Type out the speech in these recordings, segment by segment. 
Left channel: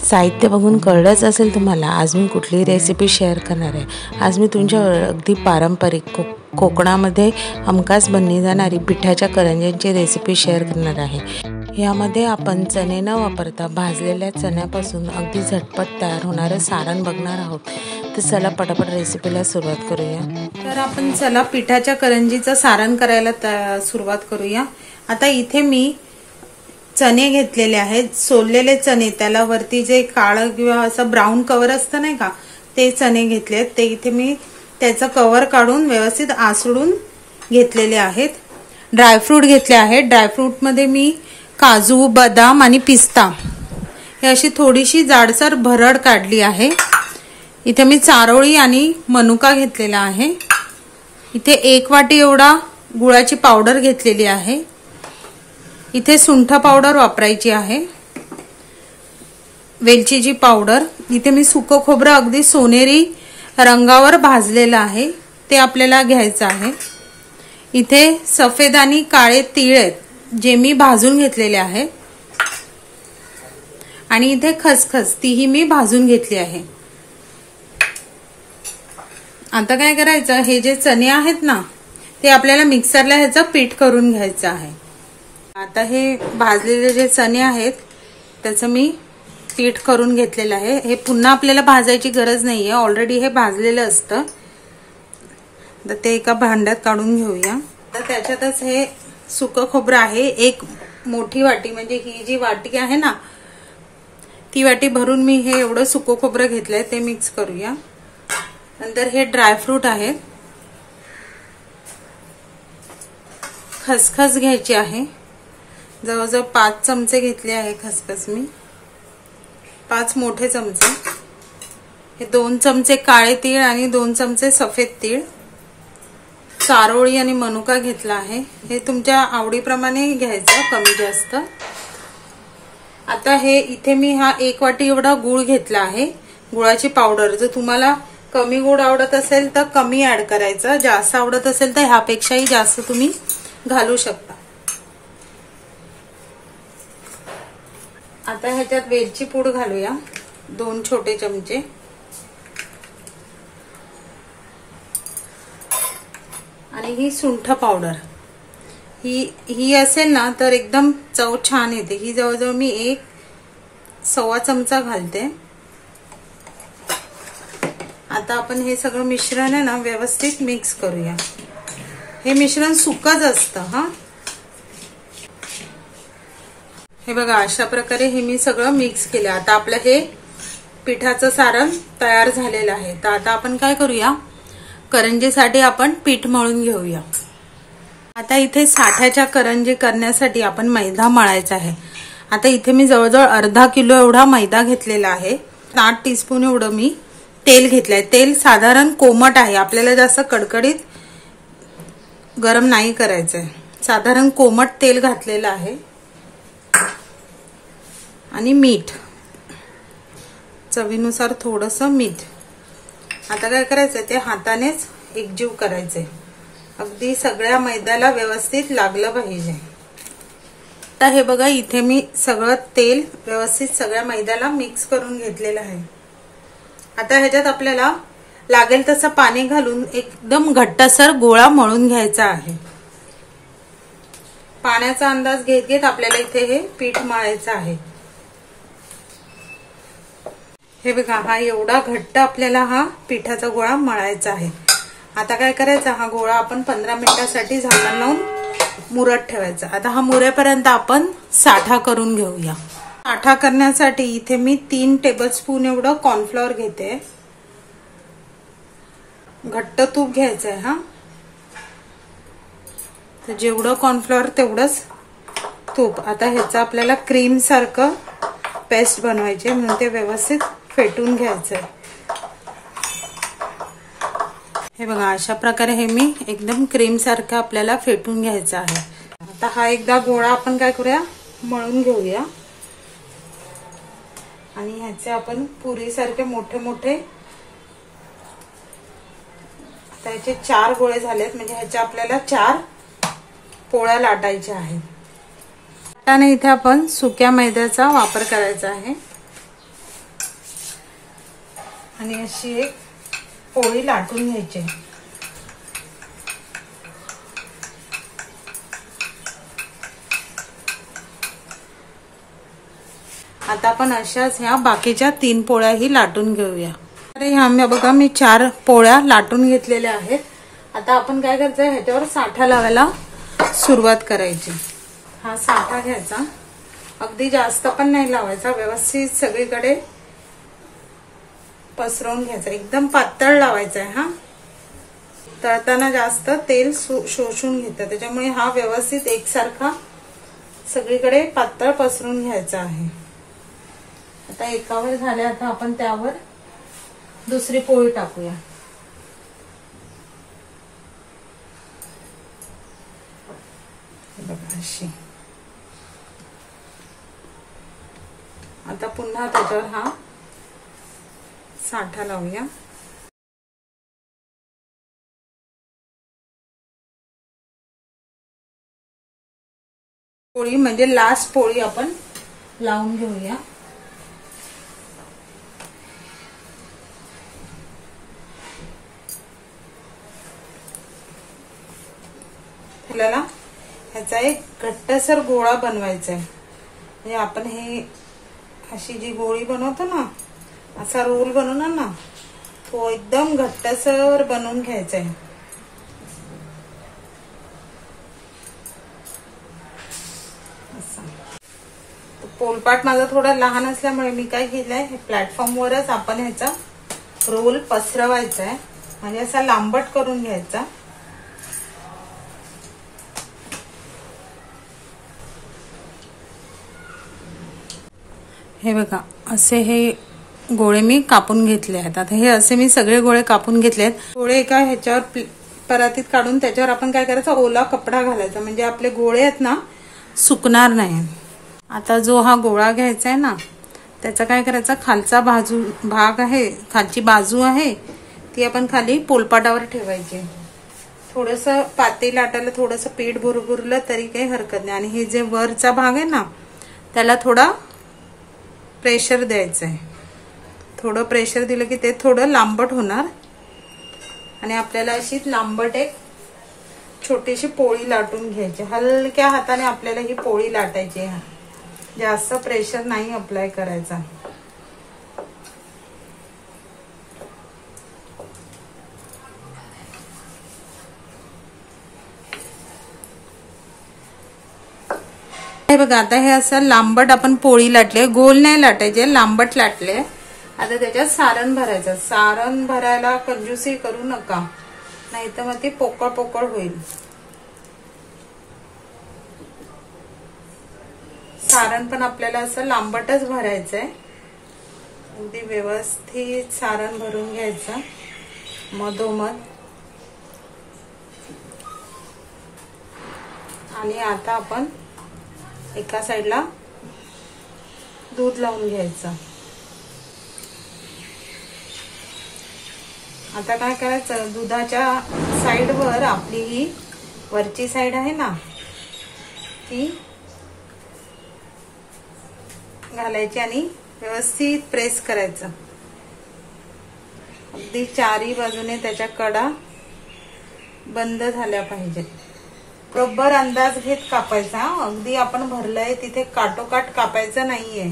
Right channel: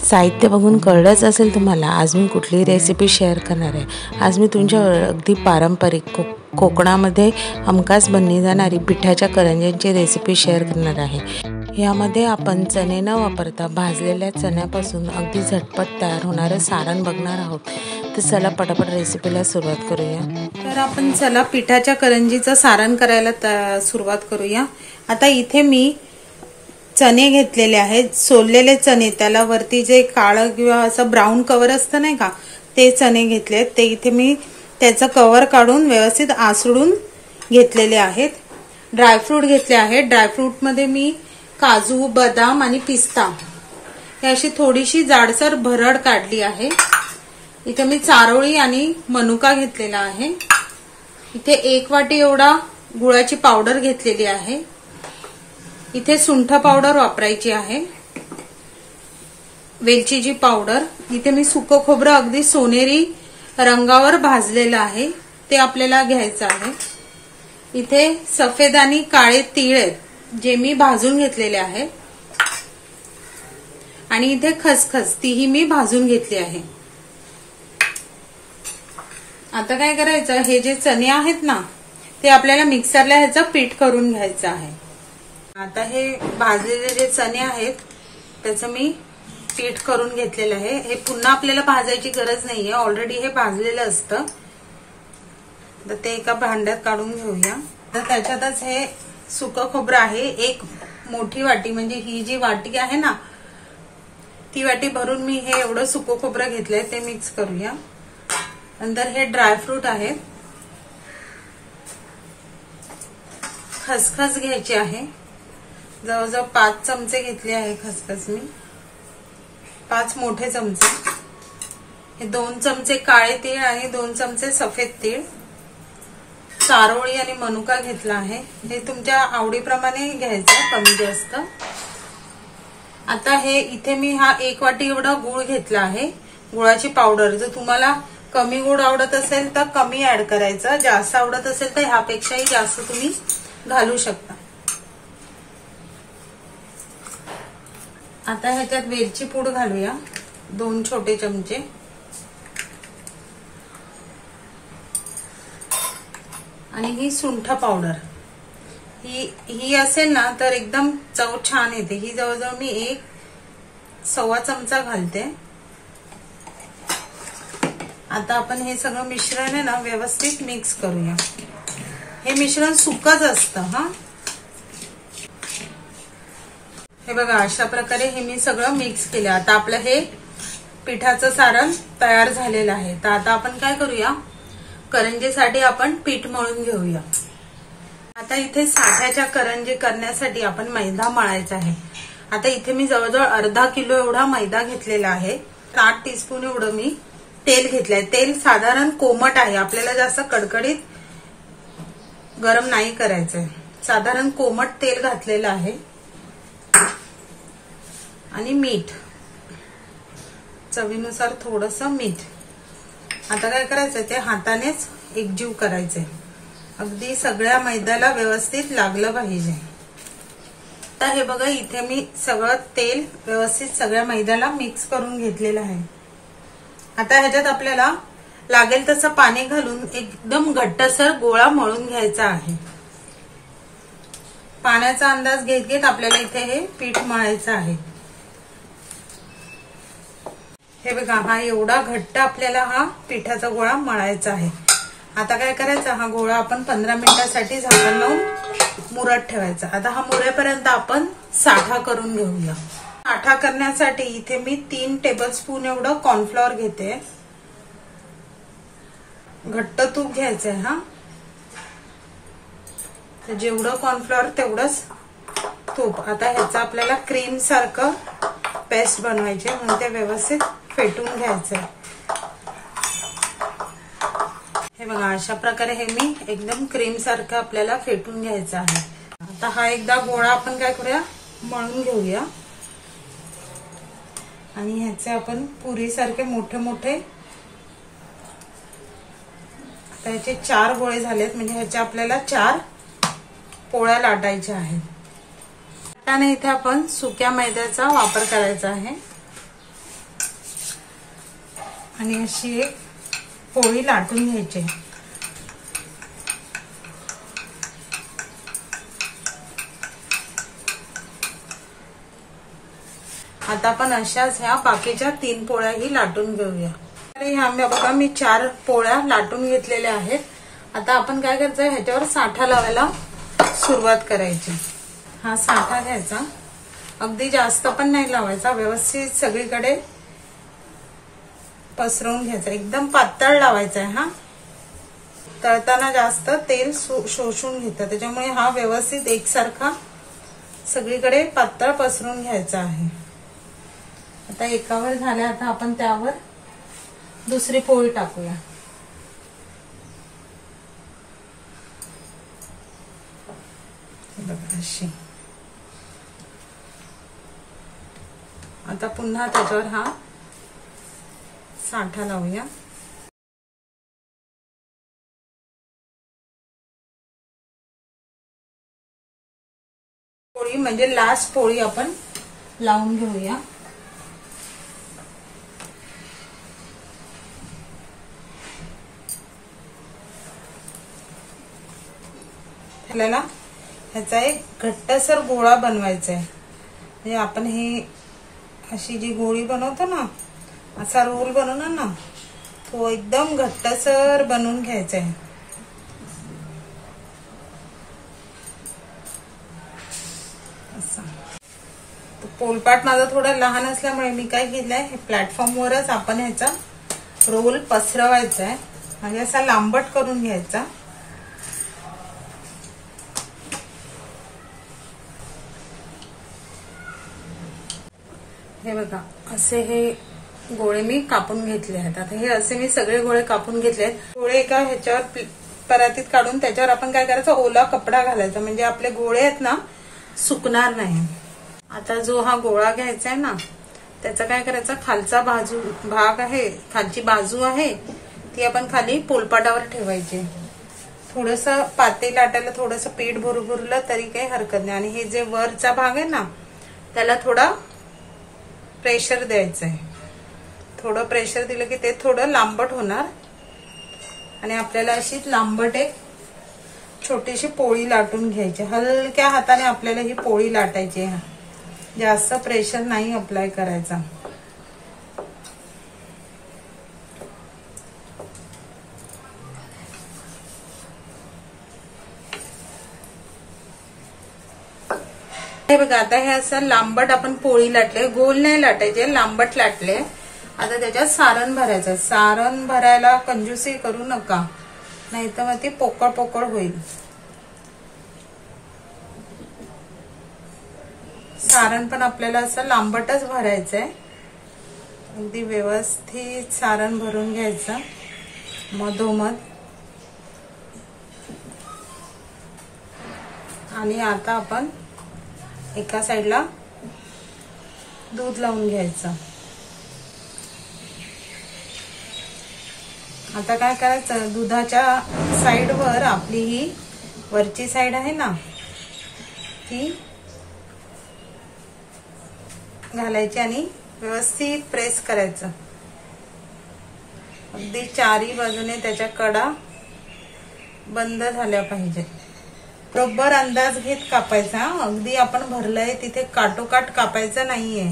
साहित्य बघून कळलंच असेल तुम्हाला आज मी कुठली रेसिपी शेअर करणार आहे। आज मी तुमच्या अगदी पारंपरिक कोकणामध्ये हमखास बनली जाणारी पिठाच्या करंज्यांची रेसिपी शेअर करणार आहे। यामध्ये आपण चणे न वापरता भाजलेल्या चण्यापासून अगदी झटपट तयार होणारे सारण बघणार आहोत। तर चला पटापट रेसिपीला सुरुवात करूया। तर आपण चला पिठाच्या करंजीचं सारण करायला सुरुवात करूया। आता इथे मी चणे घेतलेले आहेत, सोललेले चणे, त्याला वरती जे काळं किंवा असं ब्राऊन कव्हर असतं नाही का, ते चणे घेतलेत। ते इथे मी त्याचं कव्हर काढून व्यवस्थित आसळून घेतलेले आहेत। ड्रायफ्रूट घेतले आहेत। ड्रायफ्रूट मध्ये मी काजू, बदाम आणि पिस्ता हे अशी थोडीशी जाडसर भरड काढली आहे। इथे मी चारोळी आणि मनुका घेतलेला आहे। इथे 1 वाटी एवढा गुळाची पावडर घेतलेली आहे। इथे सुंठ पावडर वापरायची आहे, वेलचीची पावडर। इथे मी सुकं खोबरं अगदी सोनेरी रंगावर भाजलेलं आहे, ते आपल्याला घ्यायचं आहे। इथे सफेद आणि काळे तीळ आहेत, जे मी भाजून घेतलेले आहे। आणि इथे खसखस, तीही मी भाजून घेतली आहे। आता काय करायचं, हे जे चणे आहेत ना, ते आपल्याला मिक्सरला ह्याचं पीठ करून घ्यायचं आहे। आता हे भाजलेले जे चणे आहेत त्याचं मी पीठ करून घेतलेलं आहे। हे पुन्हा आपल्याला भाजायची गरज नाहीये, ऑलरेडी हे भाजलेलं असतं। तर ते एका भांड्यात काढून घेऊया। तर त्याच्यातच हे सुकं खोबरं आहे, 1 मोठी वाटी, म्हणजे ही जी वाटी आहे ना, ती वाटी भरून मी हे एवढं सुकं खोबरं घेतलंय, ते मिक्स करूया। नंतर हे ड्रायफ्रूट आहेत, खसखस घ्यायची आहे, जवळजवळ 5 चमचे घेतले आहे खसखस मी, 5 मोठे चमचे। हे 2 चमचे काळे तीळ आणि 2 चमचे सफेद तीळ, चारोळी आणि मनुका घेतला आहे। हे तुमच्या आवडीप्रमाणे घ्यायचं, कमी जास्त। आता हे इथे मी हा 1 वाटी एवढा गुळ घेतला आहे, गुळाची पावडर। जर तुम्हाला कमी गोड आवडत असेल तर कमी ऍड करायचं, जास्त आवडत असेल तर ह्यापेक्षाही जास्त तुम्ही घालू शकता। आता ह्याच्यात वेलची पूड घालूया, 2 छोटे चमचे। आणि ही सुंठ पावडर, ही असेल ना तर एकदम चव छान येते। ही जवळजवळ मी 1 चमचा घालते। आता आपण हे सगळं मिश्रण आहे ना व्यवस्थित मिक्स करूया। हे मिश्रण सुकंच असतं हा। हे बघा, अशा प्रकारे हे मी सगळं मिक्स केलं। आता आपलं हे पिठाचं सारण तयार झालेलं आहे। तर आता आपण काय करूया, करंजीसाठी आपण पीठ मळून घेऊया। आता इथे साठ्याच्या करंजी करण्यासाठी आपण मैदा मळायचा आहे। आता इथे मी जवळजवळ अर्धा किलो एवढा मैदा घेतलेला आहे। 8 टीस्पून एवढं मी तेल घेतलंय। तेल साधारण कोमट आहे, आपल्याला जास्त कडकडीत गरम नाही करायचंय, साधारण कोमट तेल घातलेलं आहे। आणि मीठ, चवीनुसार थोडंसं मीठ। आता काय करायचंय, ते हातानेच एकजीव करायचंय, अगदी सगळ्या मैद्याला व्यवस्थित लागलं पाहिजे। आता हे बघा, इथे मी सगळं तेल व्यवस्थित सगळ्या मैद्याला मिक्स करून घेतलेलं आहे। आता ह्याच्यात आपल्याला लागेल तसं पाणी घालून एकदम घट्टसर गोळा मळून घ्यायचा आहे। पाण्याचा अंदाज घेत घेत आपल्याला इथे हे पीठ मळायचं आहे। हे बघा, हा एवढा घट्ट आपल्याला हा पिठाचा गोळा मळायचा आहे। आता काय करायचं, हा गोळा आपण 15 मिनिटांसाठी झाकण लावून मुरत ठेवायचा। आता हा मुरेपर्यंत आपण साठा करून घेऊया। साठा करण्यासाठी इथे मी 3 टेबलस्पून एवढं कॉर्नफ्लॉवर घेते। घट्ट तूप घ्यायचंय हा, तर जेवढं कॉर्नफ्लॉवर तेवढंच तूप। आता ह्याचं आपल्याला क्रीम सारखं पेस्ट बनवायचे, म्हणून ते व्यवस्थित फेटून घ्यायचंय। हे बघा, अशा प्रकारे हे मी एकदम क्रीम सारखं आपल्याला फेटून घ्यायचं आहे। आता हा एकदा गोळा आपण काय करूया, मळून घेऊया। आणि ह्याचे आपण पुरीसारखे मोठे मोठे, त्याचे 4 गोळे झालेत, म्हणजे ह्याच्या आपल्याला 4 पोळ्या लाटायच्या आहेत। त्याने इथे आपण सुक्या मैद्याचा वापर करायचा आहे। आणि अशी एक पोळी लाटून घ्यायची. आता आपण अशाच ह्या बाकीच्या 3 पोळ्याही लाटून घेऊया. अरे ह्या बघा मी 4 पोळ्या लाटून घेतलेल्या आहेत. आता आपण काय करायचं, ह्याच्यावर साठा लावायला सुरुवात करायची. हा साठा घ्यायचा, अगदी जास्त पण नाही लावायचा, व्यवस्थित सगळीकडे पसरवून घ्यायचा. एकदम पातळ लावायचा आहे. हा तळताना जास्त तेल शोषून घेतं, त्याच्यामुळे हा व्यवस्थित एकसारखा सगळीकडे पातळ पसरून घ्यायचा आहे. आता एकावर झाले, आता आपण त्यावर दुसरी पोळी टाकूया. बघा अशी. आता पुन्हा त्याच्यावर हा साठा लावूया. पोळी म्हणजे लास्ट पोळी आपण लावून घेऊया. आपल्याला ह्याचा एक घट्टसर गोळा बनवायचा आहे. म्हणजे आपण हे अशी जी गोळी बनवतो ना, असा रोल बनवणार ना, तो एकदम घट्टसर बनवून घ्यायचा आहे. असा पोलपाट माझा थोडा लहान असल्यामुळे मी काय केलंय, हे प्लॅटफॉर्मवरच आपण ह्याचा रोल पसरवायचा आहे. म्हणजे असा लांबट करून घ्यायचा. हे बघा असे हे गोळे मी कापून घेतले आहेत. आता हे असे मी सगळे गोळे कापून घेतले आहेत. गोळे एका ह्याच्यावर परातीत काढून त्याच्यावर आपण काय करायचं, ओला कपडा घालायचा, म्हणजे आपले गोळे आहेत ना सुकणार नाही. आता जो हा गोळा घ्यायचा आहे ना, त्याचा काय करायचा, खालचा भाग आहे, खालची बाजू आहे ती आपण खाली पोलपाटावर ठेवायची. थोडस पातेल लाटायला थोडस पीठ भरभरलं तरी काही हरकत नाही. आणि हे जे वरचा भाग आहे ना, त्याला थोडा प्रेशर द्यायचं आहे. थोडं प्रेशर दिलं की ते थोडं लांबट होणार आणि आपल्याला अशी लांबट एक छोटीशी पोळी लाटून घ्यायची. हलक्या हाताने आपल्याला ही पोळी लाटायची आहे. जास्त प्रेशर नाही अप्लाय करायचा. हे बघा आता हे असं लांबट आपण पोळी लाटले, गोल नाही लाटायचे, लांबट लाटले. आता त्याच्यात सारण भरायचं. सारण भरायला कंजूसी करू नका, नाही तर मग ती पोकळ पोकळ होईल. सारण पण आपल्याला असं लांबटच भरायचंय. अगदी व्यवस्थित सारण भरून घ्यायचं मधोमध. आणि आता आपण एका साईडला दूध लावून घ्यायचं. आता काय करायचं, दुधाच्या साईडवर आपली ही वरची साईड आहे ना, ती घालायची आणि व्यवस्थित प्रेस करायचं. अगदी चारी बाजूने त्याच्या कडा बंद झाल्या पाहिजेत. बरोबर अंदाज घेत कापायचा. अगदी आपण भरलंय तिथे काटोकाट कापायचं नाहीये.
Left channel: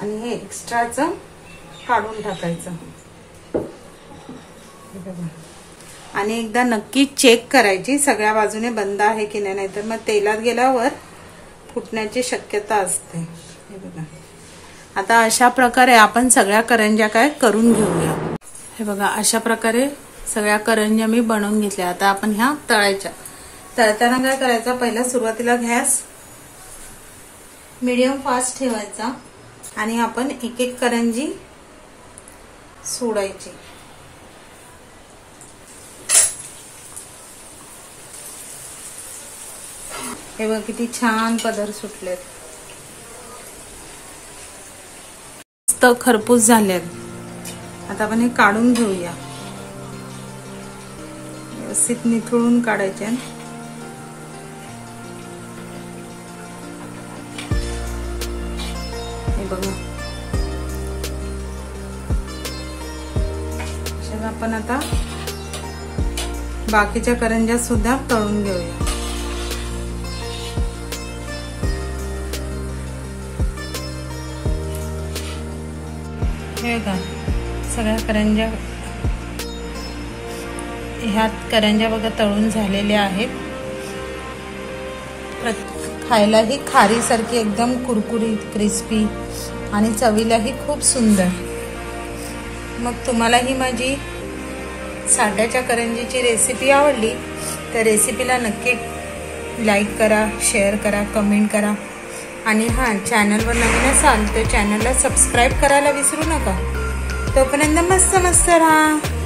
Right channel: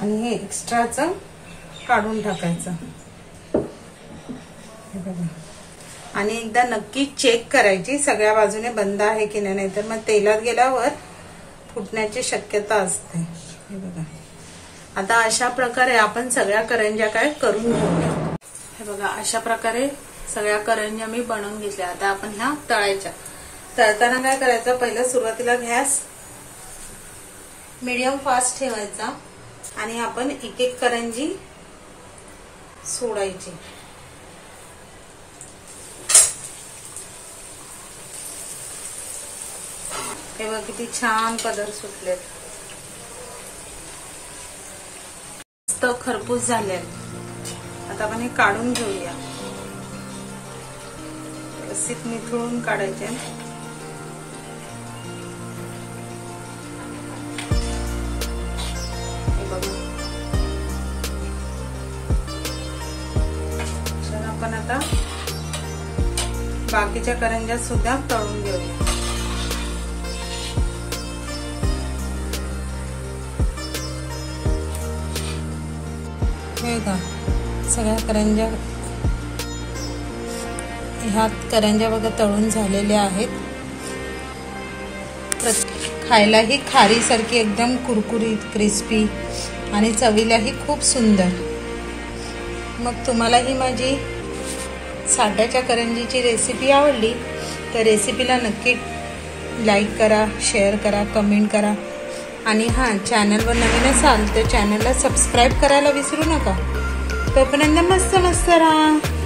आणि हे एक्स्ट्राचं काढून टाकायचं. आणि एकदा नक्की चेक करायची सगळ्या बाजूने बंद आहे की नाही, नाहीतर मग तेलात गेल्यावर फुटण्याची शक्यता असते. हे बघा आता अशा प्रकारे आपण सगळ्या करंज्या काय करून घेऊया. हे बघा अशा प्रकारे सगळ्या करंज्या मी बनवून घेतल्या. आता आपण ह्या तळायच्या. तळताना काय करायचं, पहिलं सुरुवातीला गॅस मीडियम फास्ट ठेवायचा आणि आपण एक एक करंजी सोडायची. हे बघ किती छान पदर सुटलेत, मस्त खरपूस झालेत. आता आपण हे काढून घेऊया. व्यवस्थित निथळून काढायचे. हे बघ आता बाकीच्या करंज्या सुद्धा तळून घेऊया। हे बघा सगळ्या करंज्या, ह्यात करंज्या बघा तळून झालेल्या आहेत। खायलाही खारीसारखी एकदम कुरकुरीत क्रिस्पी आणि चवीलाही खूप सुंदर। मग तुम्हाला ही माझी साध्याच्या करंजीची रेसिपी आवडली तर रेसिपीला नक्की लाईक करा, शेअर करा, कमेंट करा आणि हां, चॅनलवर नवीन असाल तर चॅनलला सबस्क्राईब करायला विसरू नका। तोपर्यंत मस्त मस्त राहा।